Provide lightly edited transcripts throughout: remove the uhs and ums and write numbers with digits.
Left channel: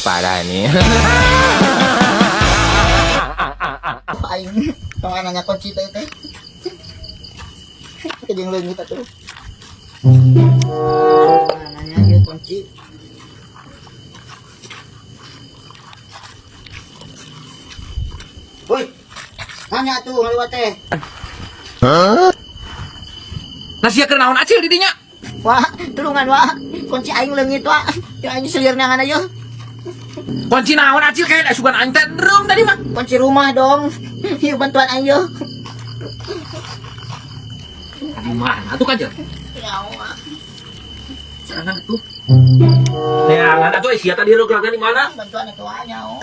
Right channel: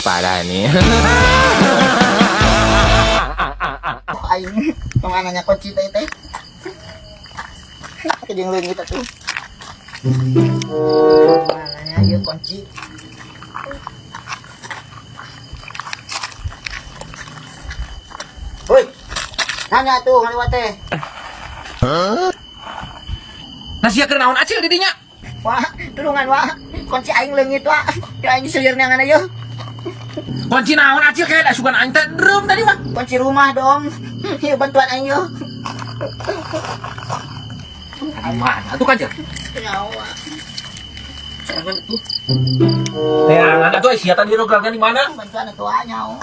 parah nih. Aing temanannya kunci teh. Kejeng leungit atuh. Mananya ieu kunci. Woi. Nanya tuh ngaliwat teh. Nasi keur naon acil di dinya? Wah, tulungan wah. Kunci aing leungit wah. Ya aing selir neangan aja. Kunci naon acil kayak da sugan aing teh drum tadi mah. Kunci rumah dong. Yuk bantuan aing yo. Di mana tuh Kanjel? Nyawa. Jangan tuh. Jangan atuh sia tadi rogragna di mana? Bantuan atuh nyawa.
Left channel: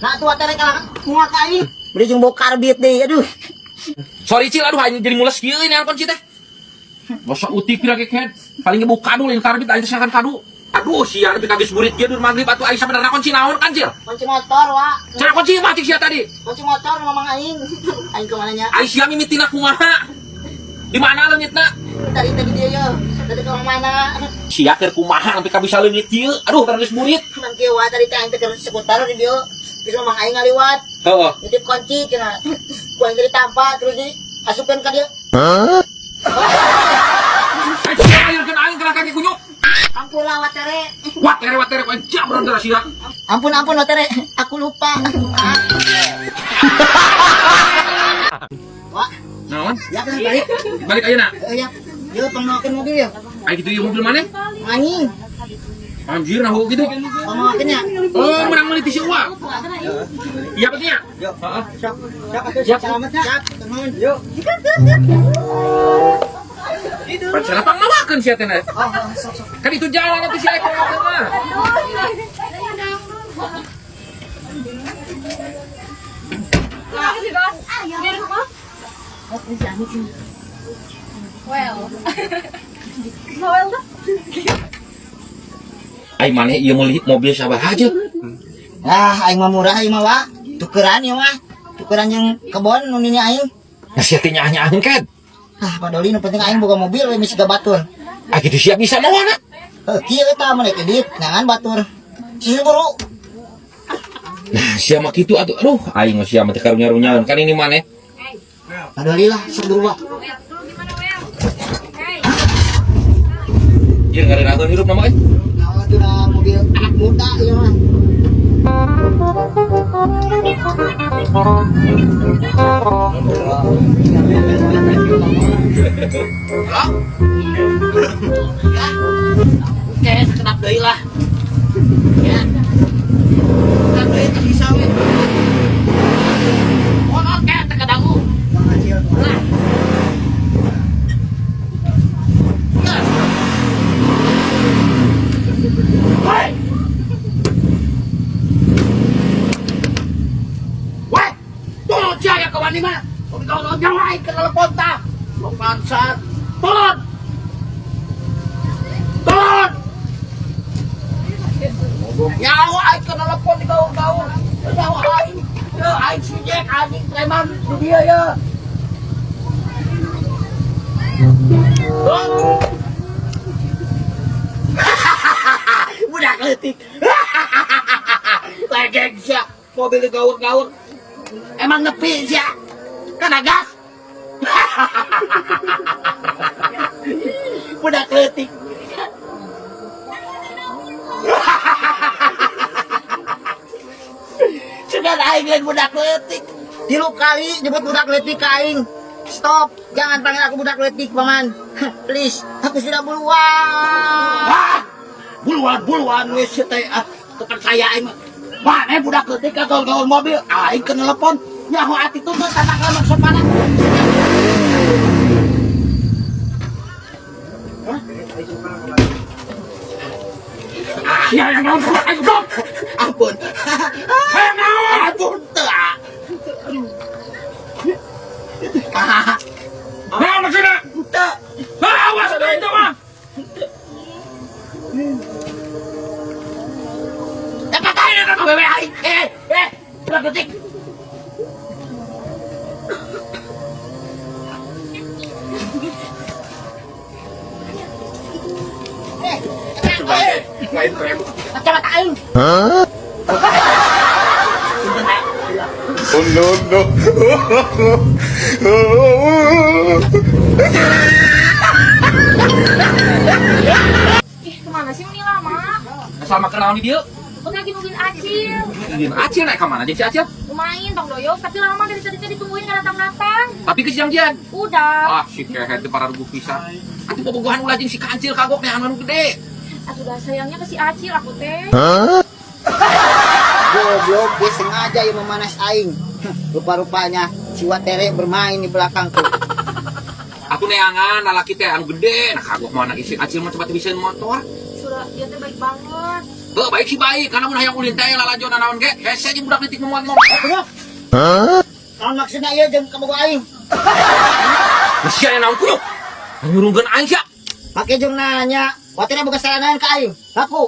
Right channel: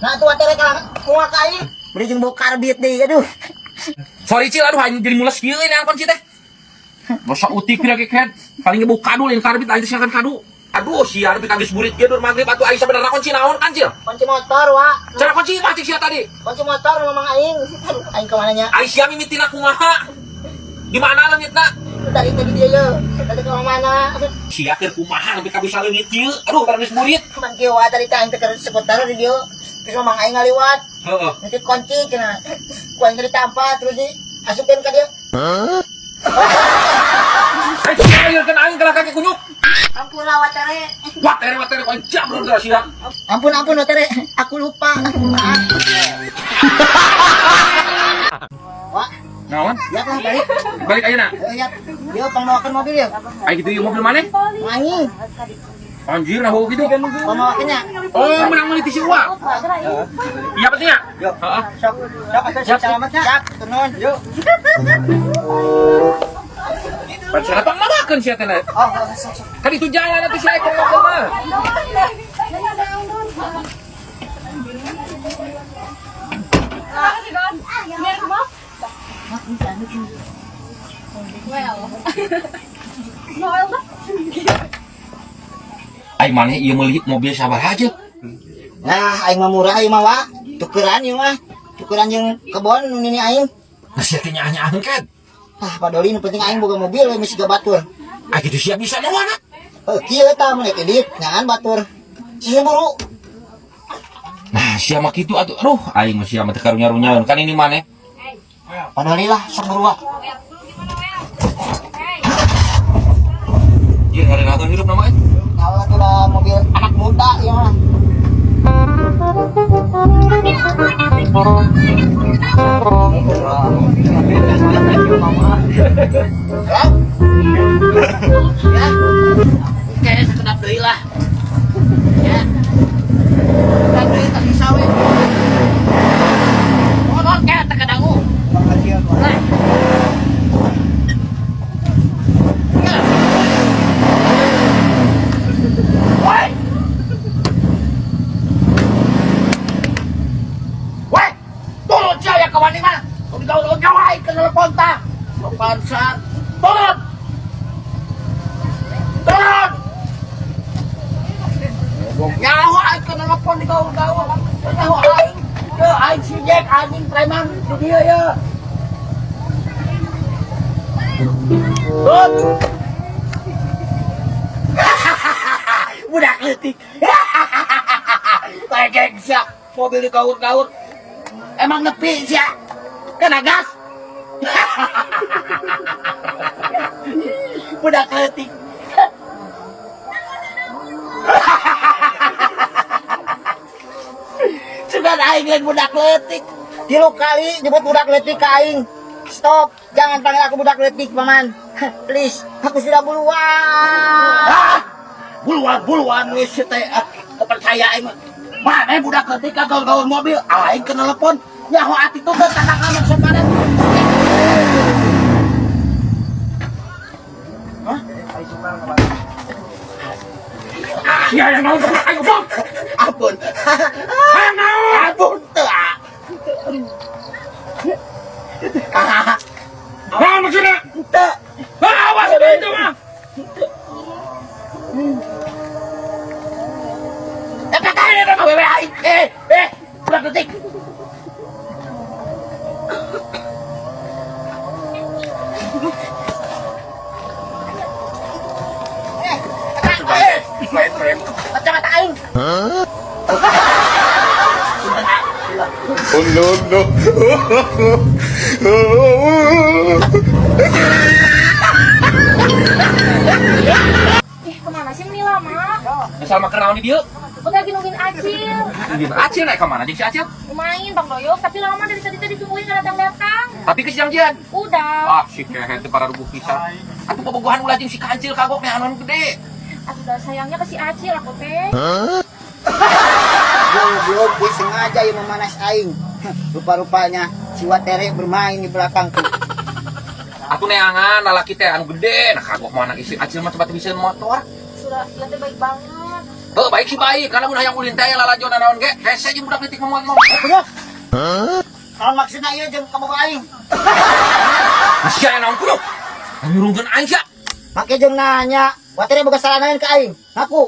Nah tuh tere kalah muak aing. Beli jeung bau karbit deui aduh. Sorry cil aduh aing jadi mules kieu ini kunci teh. Masa utik pira keket. Paling ngebuk kadu lain karbit aing teh siakan kadu. Aduh sia tapi kages burit kieu dur magrib atuh aing sabenerna kunci naon kan cil? Kunci motor wa. Cara kunci mah cik sia tadi. Kunci motor mamang aing. Aduh aing ke mana nya? Aing sia mimitina kumaha? Di mana leungitna? Tadi dia yo. Tadi ke mana? Sia keur kumaha sampai ka bisa leungit kieu? Aduh pada geus burit. Man kieu wa tadi teh aing teh keur seputar di dieu. Terus mamang aing ngaliwat. Heeh. Nitip kunci cenah. Ku aing tadi tampa terus diasupkeun ka dieu. Aing sia ayeurkeun aing kalah kaki kunyuk. Ampun lah watere. Watere ku aing jabron dah sia. Ampun watere. Aku lupa. Wah, Naon? ya lah balik. Balik ayeuna. Ya. Yo pangmawakeun mobil ya. Aing kitu ieu mobil maneh? Aing. Anjir nah gitu. Pangmawakeunnya. Oh, menang meuli ti si Uwa. Iya pentingnya? Yo. Heeh. Sok. Siap selamatnya. Siap, turun. Yuk. Pacar apa mawakeun sia teh na? Oh, sok. Kan itu jalan nanti si Eko mawakeun mah. Ai maneh ieu meuli mobil sabar aja. Nah, aing mah murah ieu mah wa. Tukeran ieu mah. Tukeran jeung kebon nu nini aing. Nah sia teh nyaanyaan kan. Ah, padoli nu penting aing boga mobil we misi batur. Ah kitu sia bisa mawana. Kieu eta menek edit ngan batur. Siburu. Nah sia mah kitu atuh. Aduh aing mah sia mah teu karunya-runyaeun kan ini maneh. Padoli lah sok buru wa. Jir ngarenakeun hirup na mah. Nah, itu dah mobil anak muda ieu mah. Halo? Ya. Oke, sekedap deui lah. Ya. Sekedap deui tas bisa we. Oh, oke, teu dangu. Lah. Woi. Woi, turun sia ya kawan ini mah. Kalau gaul nyawa aing ke telepon tah. Pansan. Turun. Turun. Nyawa aing ke telepon di gaul-gaul. Nyawa aing. Teu aing si Jack anjing preman di dieu ya. Turun. Budak leutik. Legeng sia, mobil digaur-gaur. Emang nepi sia. Kena gas. Budak leutik. Sudah aing lain budak leutik. 3 kali nyebut budak leutik ka aing. Stop, jangan panggil aku budak leutik, Paman. Please, aku sudah buluan. Buluan wis teh kepercaya aing mah. Mane budak leutik ka gaul-gaul mobil, aing ke telepon. Ya ho ati tuh tata kana sopanan. Hah? Sia yang naon kebelah aing goblok. Ampun. Hayang naon? Ampun teu. Naon maksudna? Teu. Awas itu mah. Wewe aing. Budak leutik. lain krem. Kacamata aing. Oh no no. Ih, kemana sih ini lama? Asal makan naon di dieu? Udah lagi nungguin Acil. Acil naik ke mana jeung si Acil? Lumayan Bang Doyok, tapi lama dari tadi ditungguin gak datang-datang. Tapi ke siang jian. Udah. Ah, si kehe teh para rubuh pisan. Atuh bobogohan ulah jeung si kancil kagok nih anu gede. Aku udah sayangnya ke si Acil aku teh. Goblok, dia sengaja yang memanas aing. Rupa-rupanya si Watere bermain di belakangku. Atuh neangan lalaki teh anu gede, nah kagok mah anak isi Acil mah coba teu bisain motor. Sudah, dia teh baik banget. Baik sih baik, karena mun hayang ulin teh lalajon naon ge, hese jeung budak leutik momoal motor. Bener. Naon maksudna ieu jeung kabogo aing? Sia aya naon kunyuk? Nyurungkeun aing sia. Make jeung nanya, Watere boga salah naon ka aing. Ngaku.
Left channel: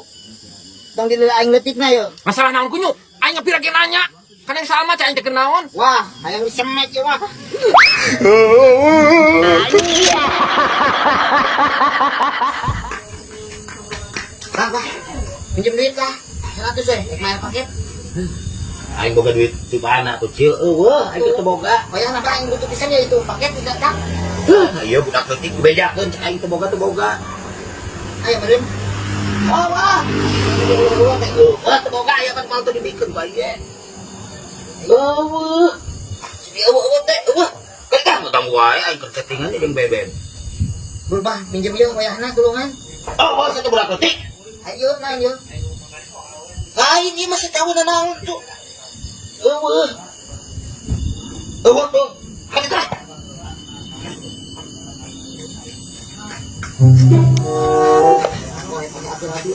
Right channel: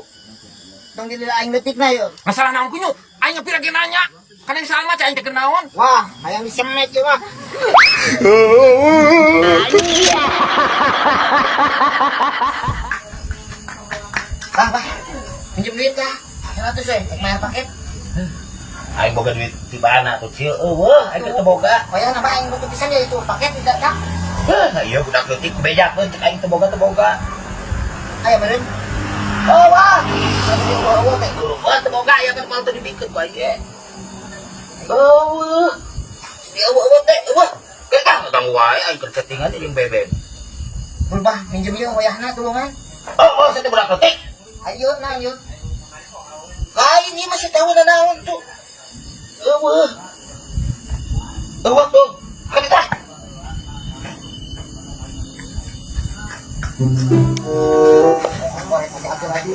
Tong di aing leutikna yeuh. Masalah naon kunyuk? Aing ngepir lagi nanya. Kan yang salah mah cai teh naon? Wah, hayang disemek ieu mah. Bah, pinjem duit lah. 100 we, rek mayar paket. Aing boga duit di mana tuh cieu eueuh aing teu boga. Oh ya, napa aing butuh pisan ya itu paket tidak kah? Iya budak leutik bejakeun cek aing teu boga. Aya meureun. Oh wah. Eueuh teh eueuh teu boga aya mah teu dibikeun ku aing ge. Eueuh. Eueuh teh eueuh. Kedah ngaganggu wae aing keur settingan jeung bebem. Bulbah minjem ieu wayahna tulungan. Oh, saya budak leutik. Ayo naon ieu? Lain ieu masih tahu naon tuh. Eueuh. Eueuh tuh. Kadita. Korek pakai atur lagi.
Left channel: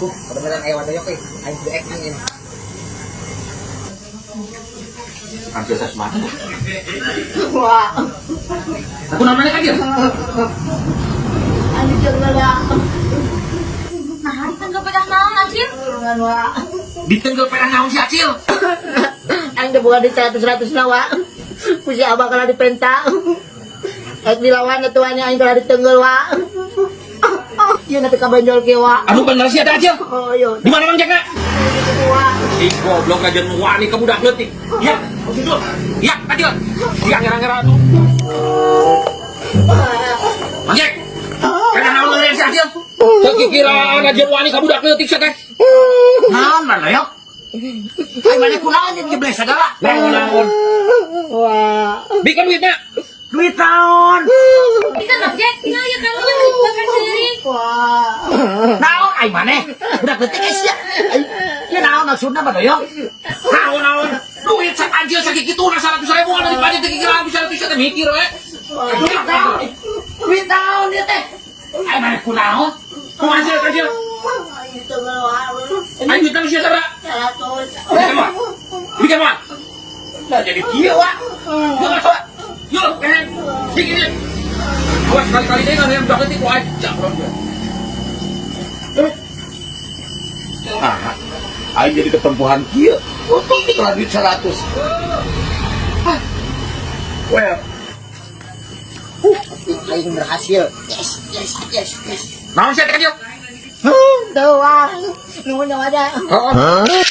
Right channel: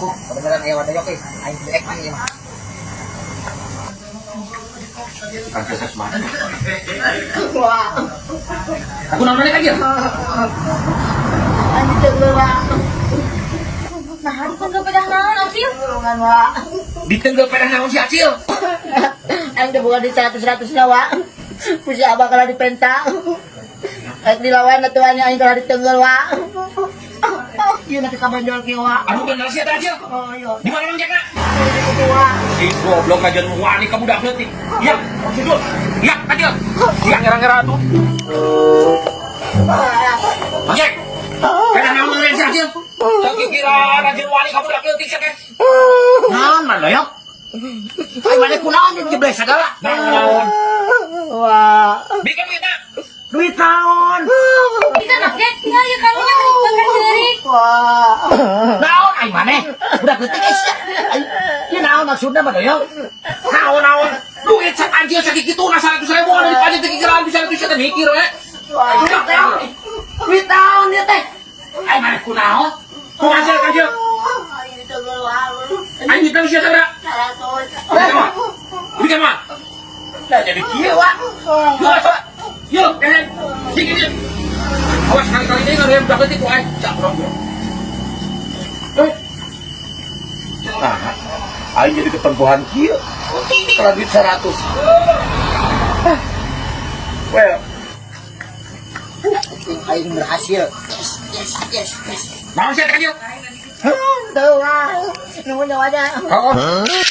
Kebenaran aya wadayok euy. Aing kudu ek mah ieu mah. Kan biasa semana. Wah. Aku namanya Kadir. Anjing teugal wah. Nah, ditengah pedah naon Acil? Tulungan wah. Ditenggel pedah naon si Acil. Aing teh boga di 100 na wah. Pusi abah kala dipenta. Aing dilawan atuannya aing kala ditenggel wah. Ieu na teh kabenjol ke wah. Anu bener sih ada Acil. Oh iya. Di mana Mang Jackna? Itu wah. Si goblok aja wani ka budak leutik. Ya, Sidul. Ya, Acil. Ya ngira-ngira tuh. Mang Jack. Pedah naon ngeureun si Acil? Kekikiran aja wani ka budak leutik sia teh. Naon man loyok? Aing mane kunaon jeung jebles segala. Naon? Wah. Bikin duitna. Duit naon? Bisa Bang Jack, tinggal ya karunya kan dibakar sendiri. Wah. Naon aing maneh? Budak leutik geus ya. Ieu naon maksudna mah loyok? Naon? Duit sak Acil sakit kituna 100.000 dari pajak kekikiran bisa teh mikir we. Duit naon ieu teh? Aing maneh kunaon? Kumaha Acil Acil? Ditenggel wah. Ayo duitna geus sabaraha? 100. Bikin mah. Bikin mah. Lah jadi kieu wa. Yuk, coba. Yuk, jangan. Dikit. Awas kali-kali deh kalau yang budak leutik ku aing cabron gue. Nah, aing jadi ketempuhan kieu. Untung dikelah duit 100. Well, Aing berhasil. Yes. Naon sih teh Acil? Tuh wah. Nunggu nyawa aja. Heeh.